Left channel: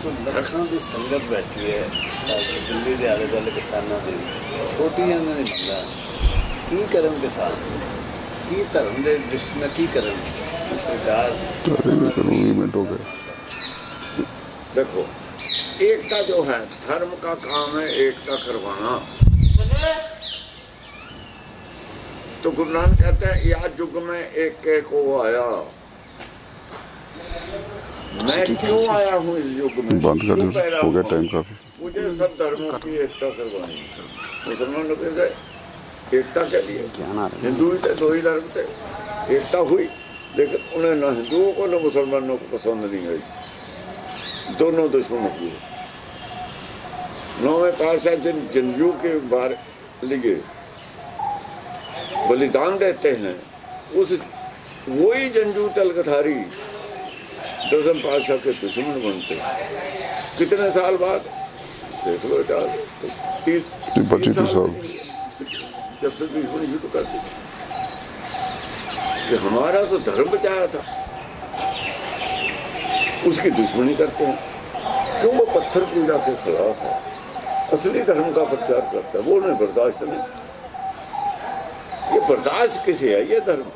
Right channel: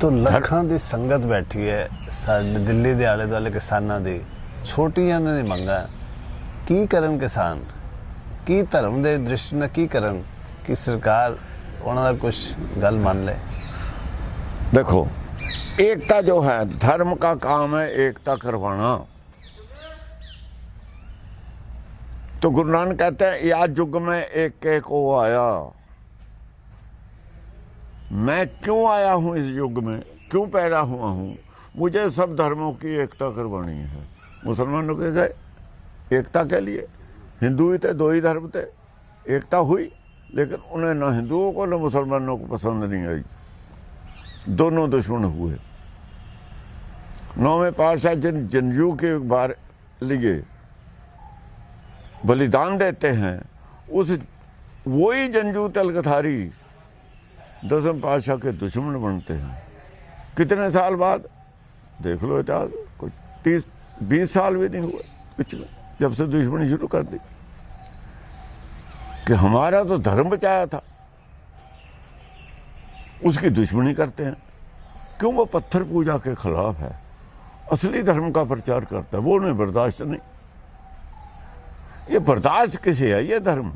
ਤੋਂ ਲੱਖਾਂ ਦੀ ਸੰਗਤ ਬੈਠੀ ਹੈ ਸਾਡੇ ਦਿੱਲੀ ਦੇ ਆਲੇ ਦੁਆਲੇ ਕਿਸਾਨਾਂ ਦੀ ਛੋਟੀਆਂ ਉਹਨਾਂ ਦੀ ਮੰਗਾਂ ਕੀ ਕਰਨ ਕਿਸਾਨ ਕੀ ਧਰਮ ਦੇ ਦ੍ਰਿਸ਼ ਨਾਲ ਕੀ ਕਰਨ ਕਿ ਸਰਕਾਰ ਉਹਨਾਂ ਦਾ ਕੁਝ ਗੱਲ ਮੰਨ ਲੈ देखो एकता जो है धर्म का काम है एकता करवाना तो गुरु नानक कहते हैं या युग में एक एक वो आया मैं क्यों आया हूँ इस युग में बंद कर क्यों दो, पैदा हो गया हुआ टाइम हूँ? काफ़ी। मुझे सब धर्मों की एकता करवानी है मुसलमानों के साथ एकता के लिए हिंदू ही थे दो ही धर्म थे एकता हुई लेकिन उन्हें न हिंदुओं को न मुसलमानों को पसंद नहीं आई दोनों दुश्मन हुए नौवें पातशाह जिन जंजू के बार लिए बलिदान देते हैं उस वही जंजू तलगधारी दसम पातशाह के दुश्मन बनते हैं। कितने साल बाद? देख लो चार तीस बीस साल साल। नहीं जब से दुश्मनी शुरू कर दी। कि हमारा तो धर्म बचाया था। उसकी दुश्मनी करते हैं। क्यों वो पत्थर पूजा के खिलाफ है? असली धर्म का प्रचार करता है। वो नहीं बर्दाश्त नहीं। ये बर्दाश्त किसे है? ये धर्म।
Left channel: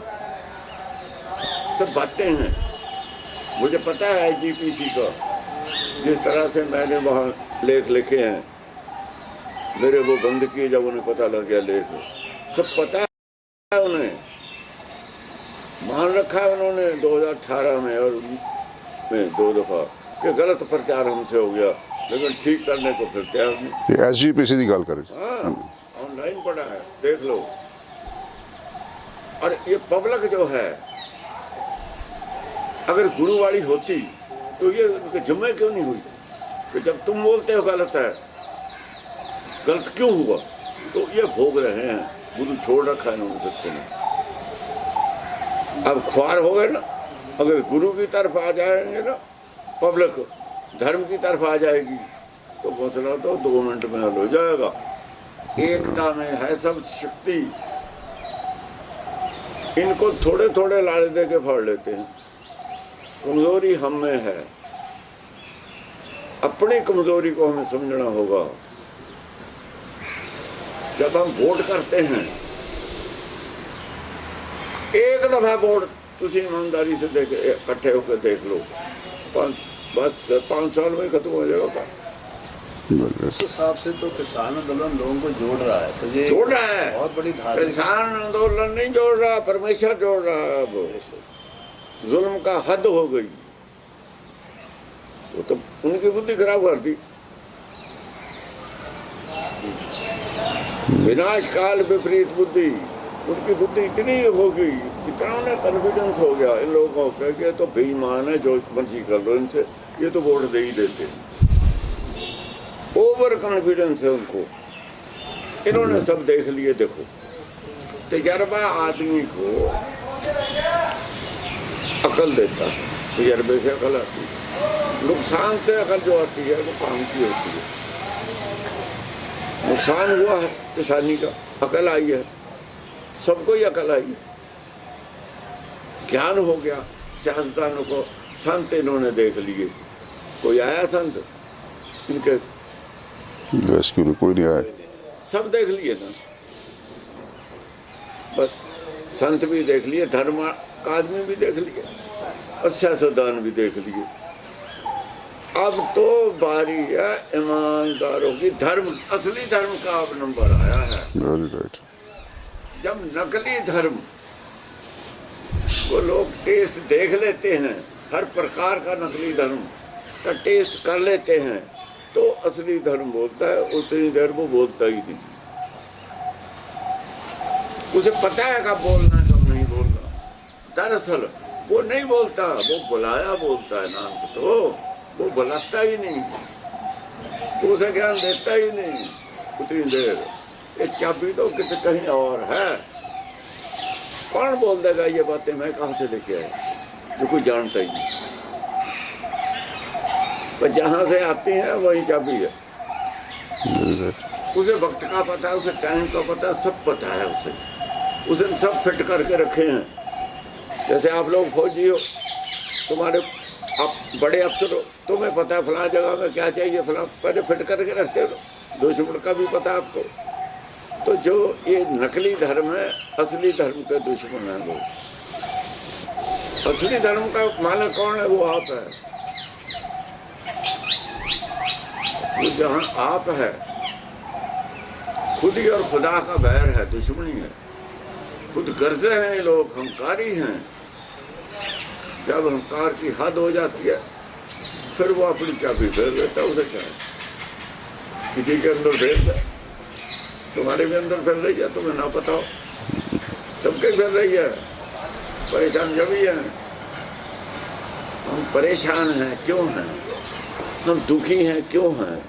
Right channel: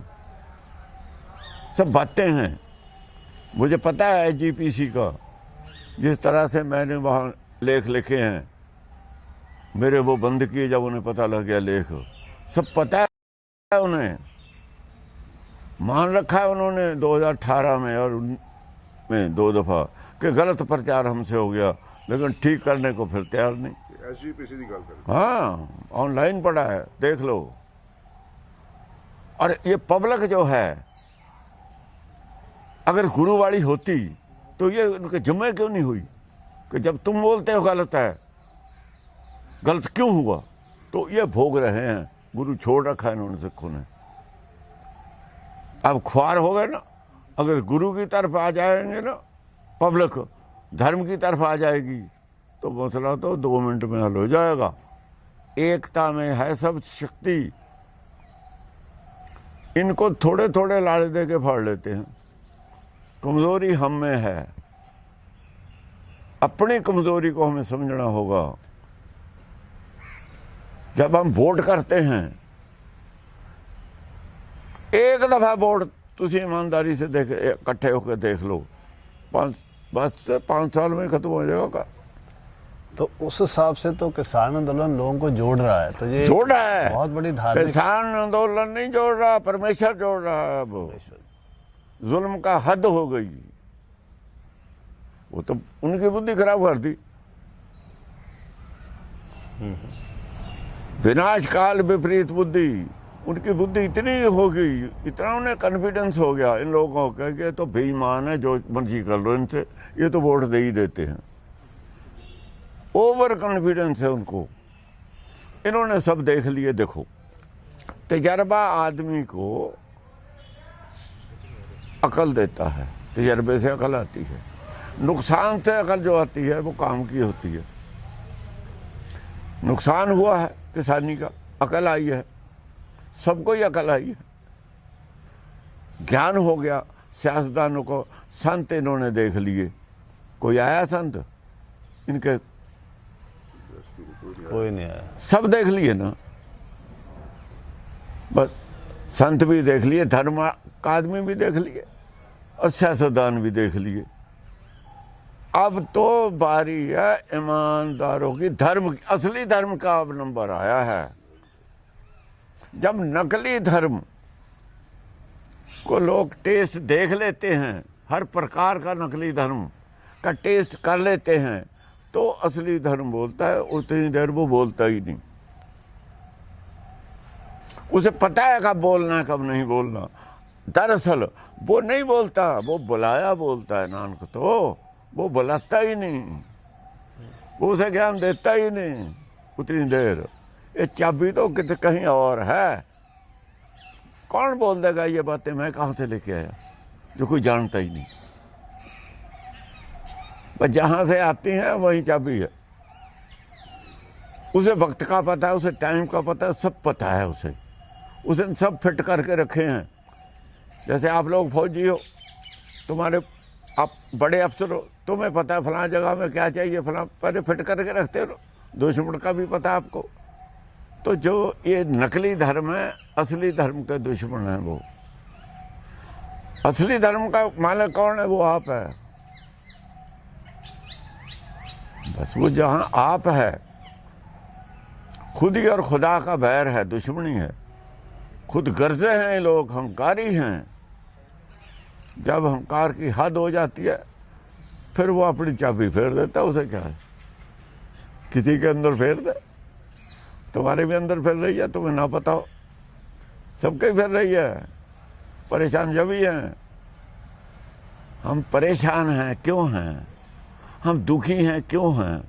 सब बातें हैं। मुझे पता है आईजीपीसी का जिस तरह से मैंने वहाँ लेख लिखे हैं। मेरे वो बंद किए जब उन्हें पता लग गया लेख। सब पता है उन्हें। मान रखा है उन्होंने 2018 में और में दो दफ़ा कि गलत प्रचार हमसे हो गया लेकिन ठीक करने को फिर तैयार नहीं। एस जी पी सी की गल करें। हाँ ऑनलाइन पढ़ा है देख लो। और ये पब्लिक जो है अगर गुरुवाणी होती तो ये जमे क्यों नहीं हुई? कि जब तुम बोलते हो गलत है, गलत क्यों हुआ? तो ये भोग रहे हैं, गुरु छोड़ रखा है इन्होंने सत्य ने अब ख्वार हो गए ना, अगर गुरु की तरफ़ आ जाएँगे ना, पब्लिक धर्म की तरफ़ आ जाएगी तो मसला तो दो मिनट में हल हो जाएगा। एकता में है सब शक्ति। इनको थोड़े थोड़े लाड़े दे के फाड़ लेते हैं। कमज़ोरी हम में है अपनी कमज़ोरी को हमें समझना होगा जब हम वोट करते हैं एक दफ़ा वोट तुम ईमानदारी से देख इकट्ठे होकर देख लो पाँच बस पाँच साल में खत्म हो जाएगा तो उस हिसाब से तो किसान आंदोलन लोगों को जोड़ रहा है तो ये जोड़ रहा है बहुत बड़ी धार्मिक किसान आंदोलन नहीं जोड़ रहा परमेश्वर जोड़ रहा है अब जुल्म का हद हो गई। वो तो उनकी बुद्धि खराब कर दी। विनाश काल विपरीत बुद्धि, उनकी बुद्धि इतनी हो गई, इतना उन्हें कॉन्फिडेंस हो गया इन लोगों को कह के तो बेईमान है, जो मर्ज़ी कर लो इनसे, ये तो वोट दे ही देते हैं। ओवर कॉन्फिडेंस है उनको। इन्होंने सब देख लिए, देखो। तजर्बा आदमी को अकल देता है तजर्बे से अकल आती है। नुकसान से अकल जो आती है वो काम की होती है। नुकसान हुआ है किसानी का अकल आई है सबको ही अकल आई है। ज्ञान हो गया सियासतदानों को संत इन्होंने देख लिए। कोई आया संत? इनके रेस्क्यू में कोई नहीं आया। सब देख लिए ना। बस संत भी देख लिए धर्म आदमी भी देख लिए और सियासतदान भी देख लिए। अब तो बारी है ईमानदारों की धर्म असली धर्म का अब नंबर आया है। जब नकली धर्म को लोग टेस्ट देख लेते हैं हर प्रकार का नकली धर्म का टेस्ट कर लेते हैं तो असली धर्म बोलता है उतनी देर वो बोलता ही नहीं। उसे पता है कब बोलना है कब नहीं बोलना। दरअसल, वो नहीं बोलता, वो बुलाया बोलता है नानक तो वो बुलाता ही नहीं। उसे ज्ञान देता ही नहीं उतनी देर। ये चाबी तो कित, कहीं और है। कौन बोल देगा ये बातें? मैं कहाँ से लेके आया जो कोई जानता ही नहीं। पर जहाँ से आती है, वही चाबी है। उसे वक्त का पता है, उसे टाइम का पता है, सब पता है उसे। उसने सब फिट करके रखे हैं। जैसे आप लोग फौजी हो, तुम्हारे आप बड़े अफसर हो, तुम्हें पता है फला जगह में क्या चाहिए, फला पहले फिट करके रखते हो। दुश्मन का भी पता है आपको। तो जो ये नकली धर्म है, असली धर्म का दुश्मन है वो। असली धर्म का माना कौन है? वो आप है। वो जहाँ आप है, खुद ही और खुदा का बैर है, दुश्मनी है। खुद करते हैं लोग, हमकारी हैं। जब हमकार की हद हो जाती है, फिर वो अपनी चाबी फेर देता उसे क्या है? किसी के अंदर फेर दे। तुम्हारे भी अंदर फिर रही है, तुम्हें ना पता हो। सबके फिर रही है। परेशान जब ही है। हम परेशान हैं, क्यों हैं? हम दुखी हैं, क्यों हैं?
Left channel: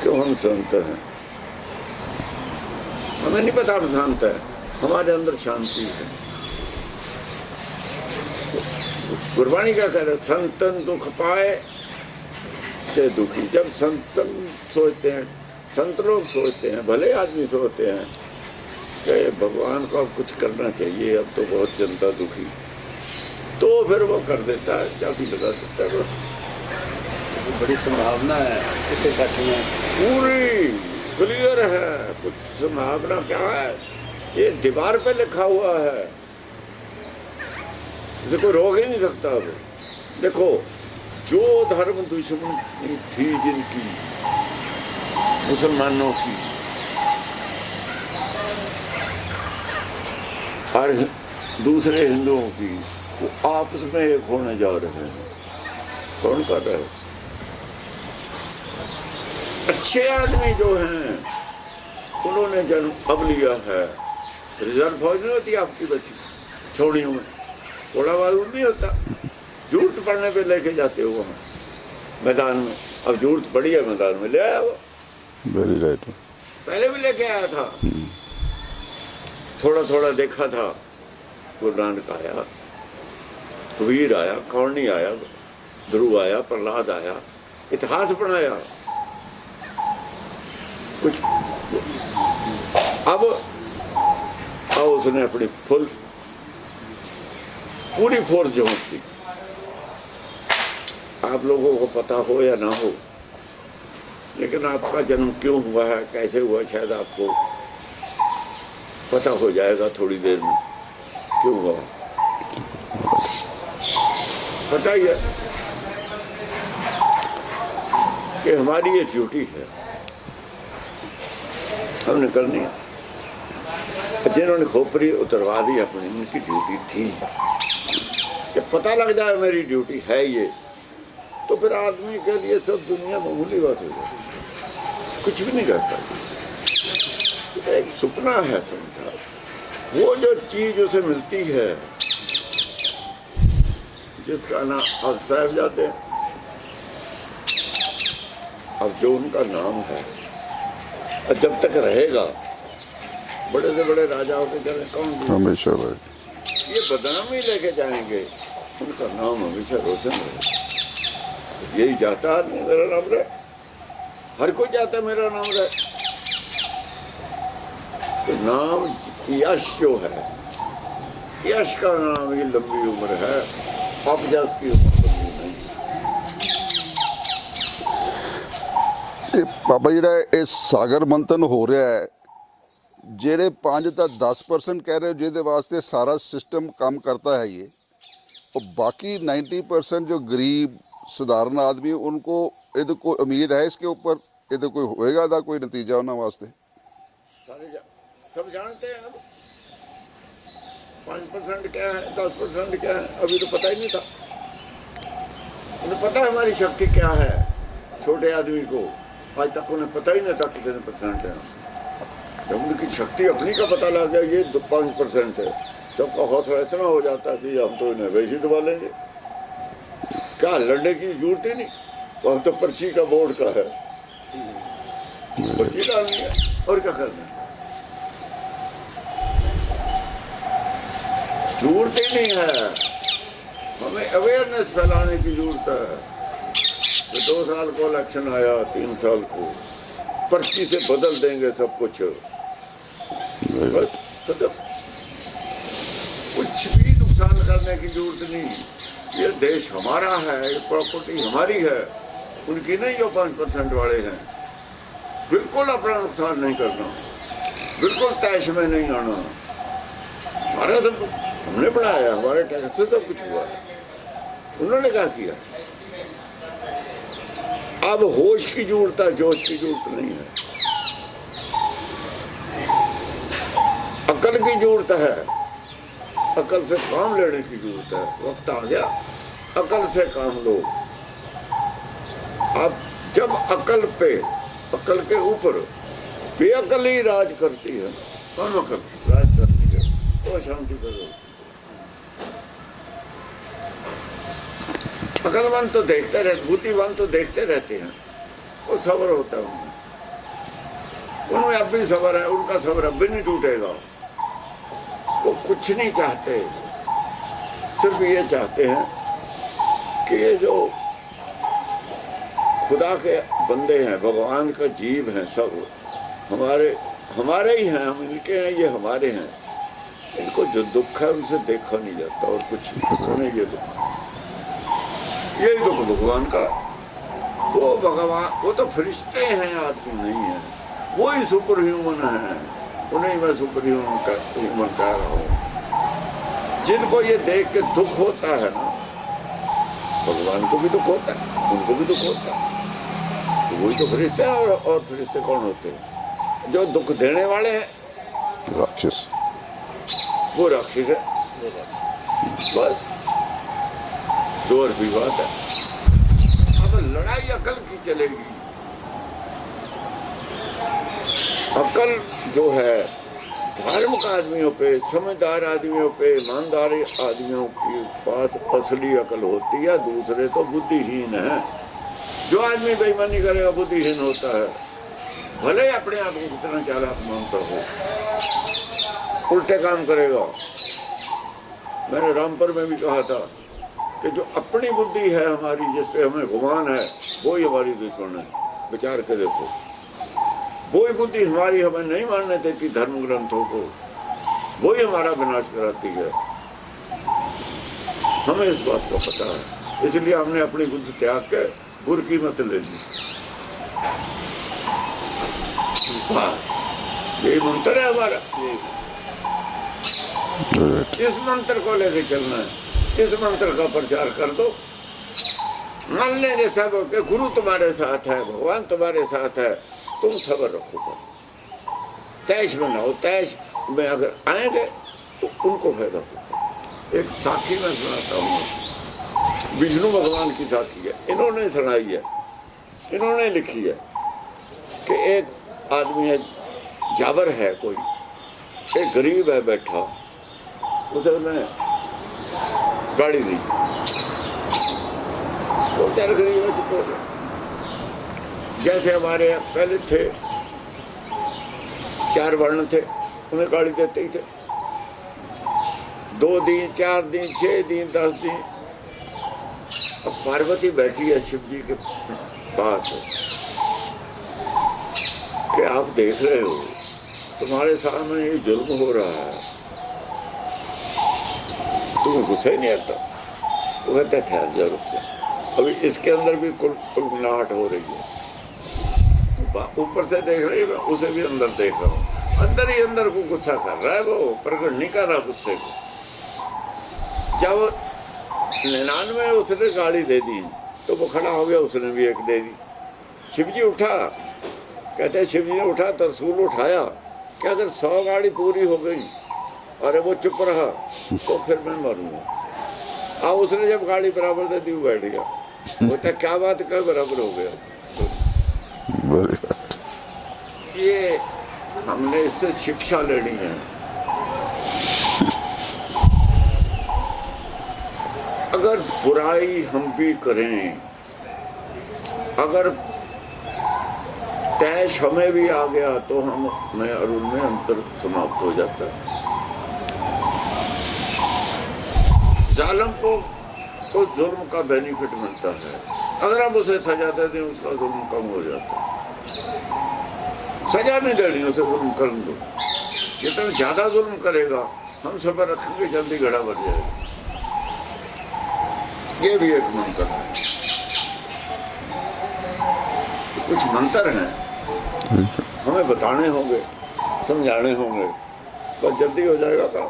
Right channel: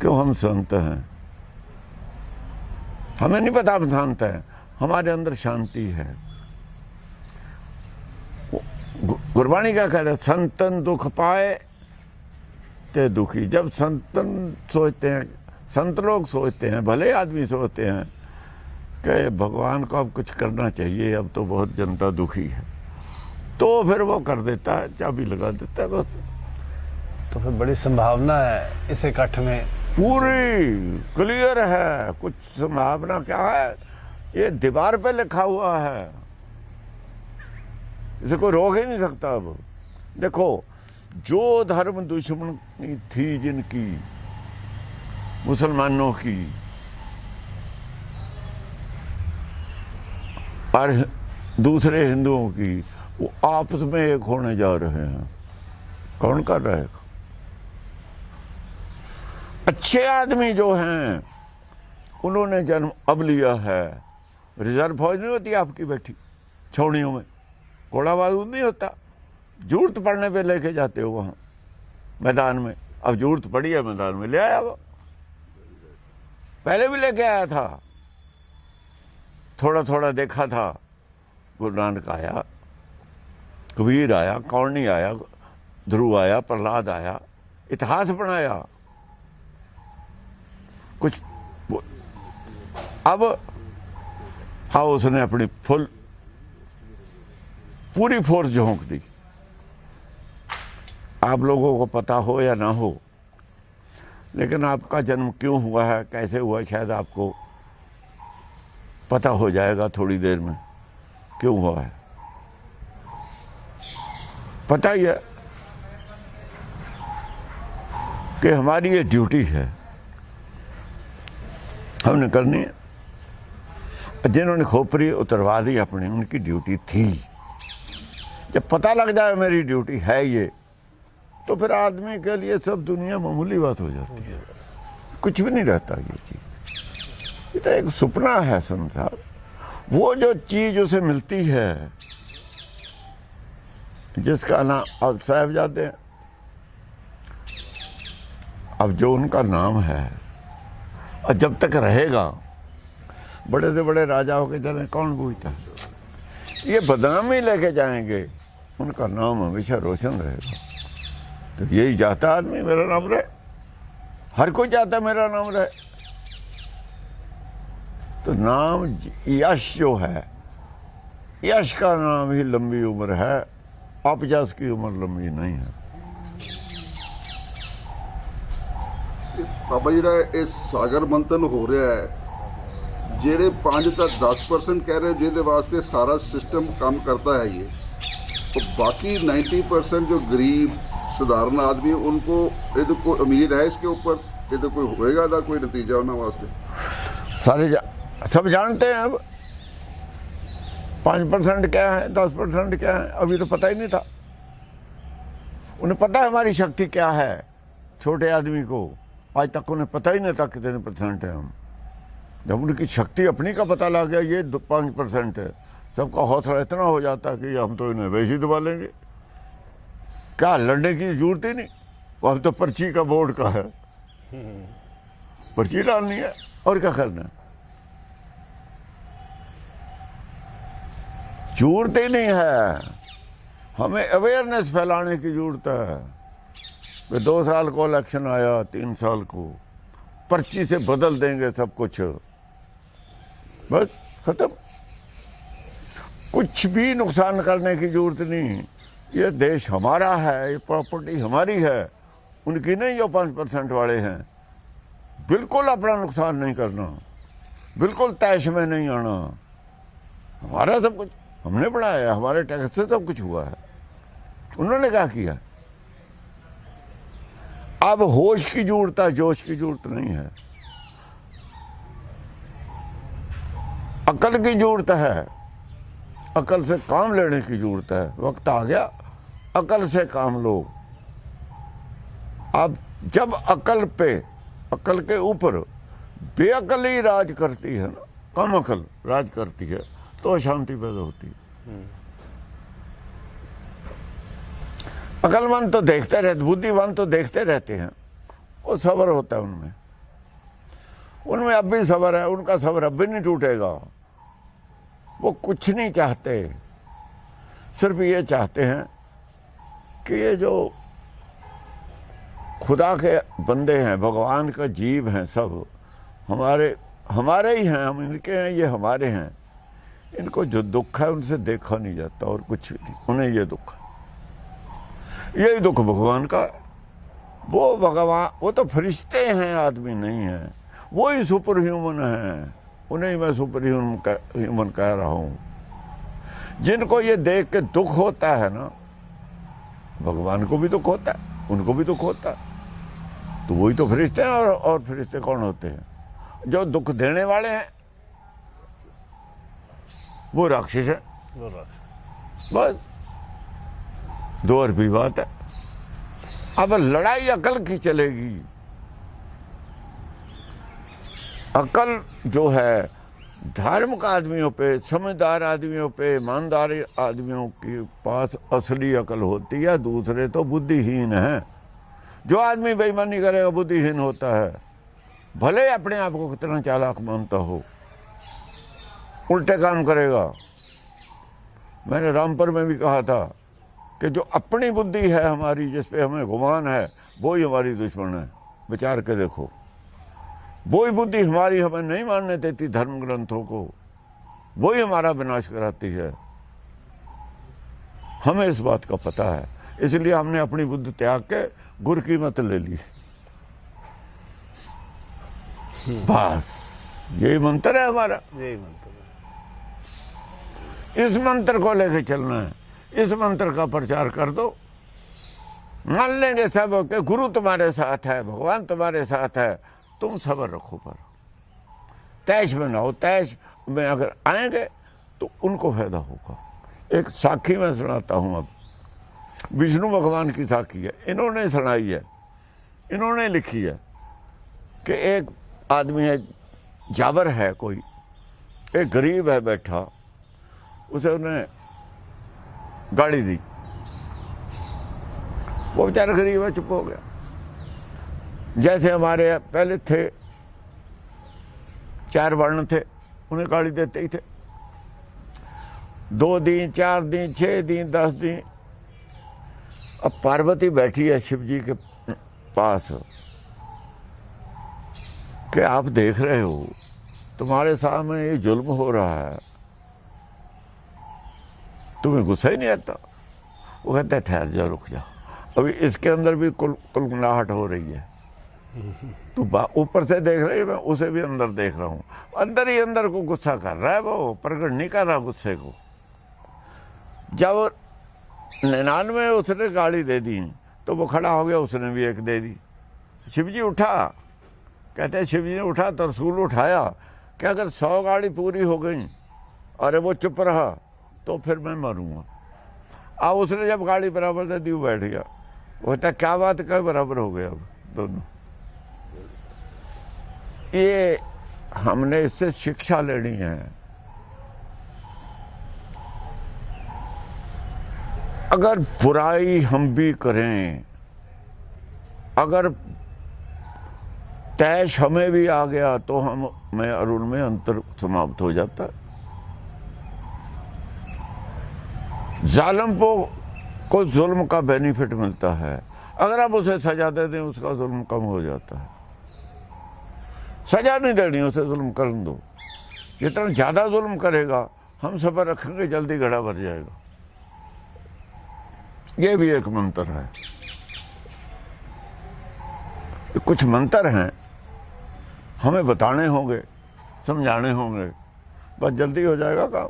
क्यों हम संत हैं? हमें नहीं पता, हम शांत है। हमारे अंदर शांति है। गुरबाणी क्या कह रहे संतन दुख पाए ते दुखी। जब संतन सोचते हैं संत लोग सोचते हैं भले आदमी सोचते हैं कि भगवान को अब कुछ करना चाहिए अब तो बहुत जनता दुखी है। तो फिर वो कर देता है चाबी लगा देता है बस तो फिर बड़ी संभावना है इस इकट्ठ में। पूरी क्लियर है कुछ संभावना क्या है? ये दीवार पे लिखा हुआ है इसे कोई रोक ही नहीं सकता अब देखो जो धर्म दुश्मन की थी जिनकी मुसलमानों की और दूसरे हिंदुओं की वो आपस में एक होने जा रहे हैं कौन कर रहा है अच्छे आदमी जो हैं उन्होंने जन्म अब लिया है रिज़र्व फौज नहीं होती आपकी बैठी छोड़ियों में घोड़ा बारूद नहीं होता। ज़रूरत पड़ने पे लेके जाते हो वहाँ मैदान में। अब ज़रूरत पड़ी है मैदान में ले आया वो। वेरी राइट पहले भी लेके आया था। थोड़ा थोड़ा देखा था। गुरु नानक आया कबीर आया कौरनी आया ध्रुव आया प्रहलाद आया इतिहास बनाया। कुछ अब आओ उसने अपनी फुल पूरी फोर्स झोंक दी आप लोगों को पता हो या ना हो, लेकिन आपका जन्म क्यों हुआ है, कैसे हुआ शायद आपको पता हो जाएगा थोड़ी देर में, क्यों हुआ है। पता ही है कि हमारी ये ड्यूटी है, हमने करनी है। जिन्होंने खोपरी उतरवा दी, अपनी उनकी ड्यूटी थी। जब पता लग जाए मेरी ड्यूटी है ये तो फिर आदमी के लिए सब दुनिया मामूली बात हो जाती है। कुछ भी नहीं रहता ये। तो एक सपना है समझा? वो जो चीज़ उसे मिलती है जिसका नाम अब साहबजादे अब जो उनका नाम है और जब तक रहेगा बड़े से बड़े राजाओं के में कौन हमेशा ये बदनामी लेके जाएँगे। उनका नाम हमेशा रोशन रहेगा यही जाता आदमी मेरा नाम रहे हर कोई चाहता मेरा नाम रहे तो नाम यश जो है यश का नाम ही लंबी उम्र है अपजस की उम्र लंबी नहीं है ਇਹ ਬਾਬਾ ਜਿਹੜਾ ਇਹ ਸਾਗਰ ਮੰਥਨ ਹੋ ਰਿਹਾ ਹੈ ਜਿਹੜੇ 5 ਤਾਂ 10% ਕਹਿ ਰਹੇ ਹੋ, ਜਿਹਦੇ ਵਾਸਤੇ ਸਾਰਾ ਸਿਸਟਮ ਕੰਮ करता है ये और बाकी 90% जो गरीब साधारण आदमी है, उनको इधर कोई उम्मीद है इसके ऊपर इधर कोई होएगा था कोई नतीजा उन्होंने वास्ते? सारे जा, सब जानते हैं अब। पाँच परसेंट क्या है दस परसेंट क्या है अभी तो पता ही नहीं था। उन्हें पता है हमारी शक्ति क्या है छोटे आदमी को। आज तक उन्हें पता ही नहीं था कितने परसेंट है हम। जब उनकी शक्ति अपनी का पता लग गया ये पाँच परसेंट है। सबका हौसला इतना हो जाता कि हम तो इन्हें वैसे दबा लेंगे। क्या, लड़ने की ज़रूरत ही नहीं? वहाँ तो पर्ची का बोर्ड का है। पर्ची डालनी है, और क्या करना है? ज़रूरत ही नहीं है। हमें अवेयरनेस फैलाने की ज़रूरत है। तो दो साल को इलेक्शन आया, तीन साल को। पर्ची से बदल देंगे सब कुछ। खत्म। कुछ भी नुकसान करने की ज़रूरत नहीं। है ये देश हमारा है, ये प्रॉपर्टी हमारी है। उनकी नहीं जो पाँच परसेंट वाले हैं। बिल्कुल अपना नुकसान नहीं करना। बिल्कुल तैश में नहीं आना। भारत हम हमने बनाया हमारे टैक्स से सब कुछ हुआ है। उन्होंने क्या किया? अब होश की ज़रूरत है, जोश की ज़रूरत नहीं है। अकल की ज़रूरत है। अकल से काम लेने की ज़रूरत है। वक्त आ गया। अकल से काम लो। अब जब अकल पे, अकल के ऊपर बेअकल ही राज करती है कौन अकल? राज करती है तो शांति पैदा होती है। अकलमंद तो देखते रहते बुद्धिमान तो देखते रहते हैं। वो सबर होता है उनमें। उनमें अब भी सबर है, उनका सबर अब भी नहीं टूटेगा। वो कुछ नहीं चाहते सिर्फ़ ये चाहते हैं कि ये जो खुदा के बंदे हैं, भगवान का जीव हैं सब, हमारे हमारे ही हैं, हम इनके हैं, ये हमारे हैं। इनको जो दुख है उनसे देखा नहीं जाता और कुछ उन्हें ये दुख। यही दुख भगवान का। वो भगवान, वो तो फरिश्ते हैं, आदमी नहीं है। वो ही सुपर ह्यूमन है। उन्हें मैं सुपर ह्यूमन ह्यूमन कह रहा हूँ। जिनको ये देख के दुख होता है ना भगवान को भी दुख होता है उनको भी दुख होता है। तो वही तो फरिश्ते हैं और, और फरिश्ते कौन होते हैं? जो दुख देने वाले हैं। राक्षस। वो राक्षस है। बस। दो अर्थी बात है। अब लड़ाई अकल की चलेगी। अकल जो है धार्मिक आदमियों पे, समझदार आदमियों पे, ईमानदार आदमियों के पास असली अकल होती है, दूसरे तो बुद्धिहीन है। जो आदमी बेईमानी करेगा बुद्धिहीन होता है। भले अपने आप को कितना चालाक मानता हो, उल्टे काम करेगा। मैंने रामपुर में भी कहा था कि जो अपनी बुद्धि है हमारी, जिस पे हमें गुमान है वो ही हमारी दुश्मन है। विचार के देखो। वो ही बुद्धि हमारी हमें नहीं मानने देती धर्म ग्रंथों को। वो ही हमारा विनाश कराती है। हमें इस बात का पता है। इसलिए हमने अपनी बुद्धि त्याग के गुरु की मत ले ली। यही मंत्र है हमारा। इस मंत्र को लेके चलना है। इस मंत्र का प्रचार कर दो। मान लेंगे सब गुरु तुम्हारे साथ है, भगवान तुम्हारे साथ है। तुम सबर रखो पर तैश बनाओ तैश में अगर आएँगे तो उनको फ़ायदा होगा एक साखी में सुनाता हूँ विष्णु भगवान की साखी है इन्होंने सुनाई है इन्होंने लिखी है कि एक आदमी है जाबर है कोई एक गरीब है बैठा उसे उन्हें गाड़ी दी वो बेचारा गरीब है चुप हो गया जैसे हमारे यहाँ पहले थे, चार वर्ण थे, उन्हें गाड़ी देते ही थे। दो दिन, चार दिन, छह दिन, दस दिन। अब पार्वती बैठी है शिव जी के पास। कि आप देख रहे हो, तुम्हारे सामने ये जुल्म हो रहा है। तुम्हें गुस्सा ही नहीं आता? वो कहते ठहर जा, रुक जा। अभी इसके अंदर भी कुल कुलगुनाहट हो रही है। ऊपर से देख रही है मैं उसे भी अंदर देख रहा हूँ अंदर ही अंदर को गुस्सा कर रहा है वो प्रकट नहीं कर रहा गुस्से को जब निन्यानवे उसने गाड़ी दे दी तो वो खड़ा हो गया उसने भी एक दे दी शिव जी उठा कहते हैं शिव जी ने उठा तो रसूल उठाया कि अगर सौ गाड़ी पूरी हो गई अरे वो चुप रहा तो फिर मैं मरूँगा आ उसने जब गाड़ी बराबर दे दी वो बैठ गया बोलता क्या बात क्या बराबर हो गया तो वेरी गुड ये हमने इससे शिक्षा लेनी है। अगर बुराई हम भी करें, अगर तैश हमें भी आ गया तो हम, मैं और उनमें अंतर समाप्त हो जाता है। जालम को को जुल्म का बेनिफिट मिलता है। अगर हम उसे सजा दे दें, उसका जुल्म कम हो जाता है। सजा नहीं देनी उसे जुल्म कर दो जितना ज़्यादा जुल्म करेगा हम सफ़र रखेंगे जल्दी घड़ा भर जाएगा ये भी एक मंत्र है कुछ मंत्र हैं हमें बताने होंगे समझाने होंगे बस जल्दी हो जाएगा काम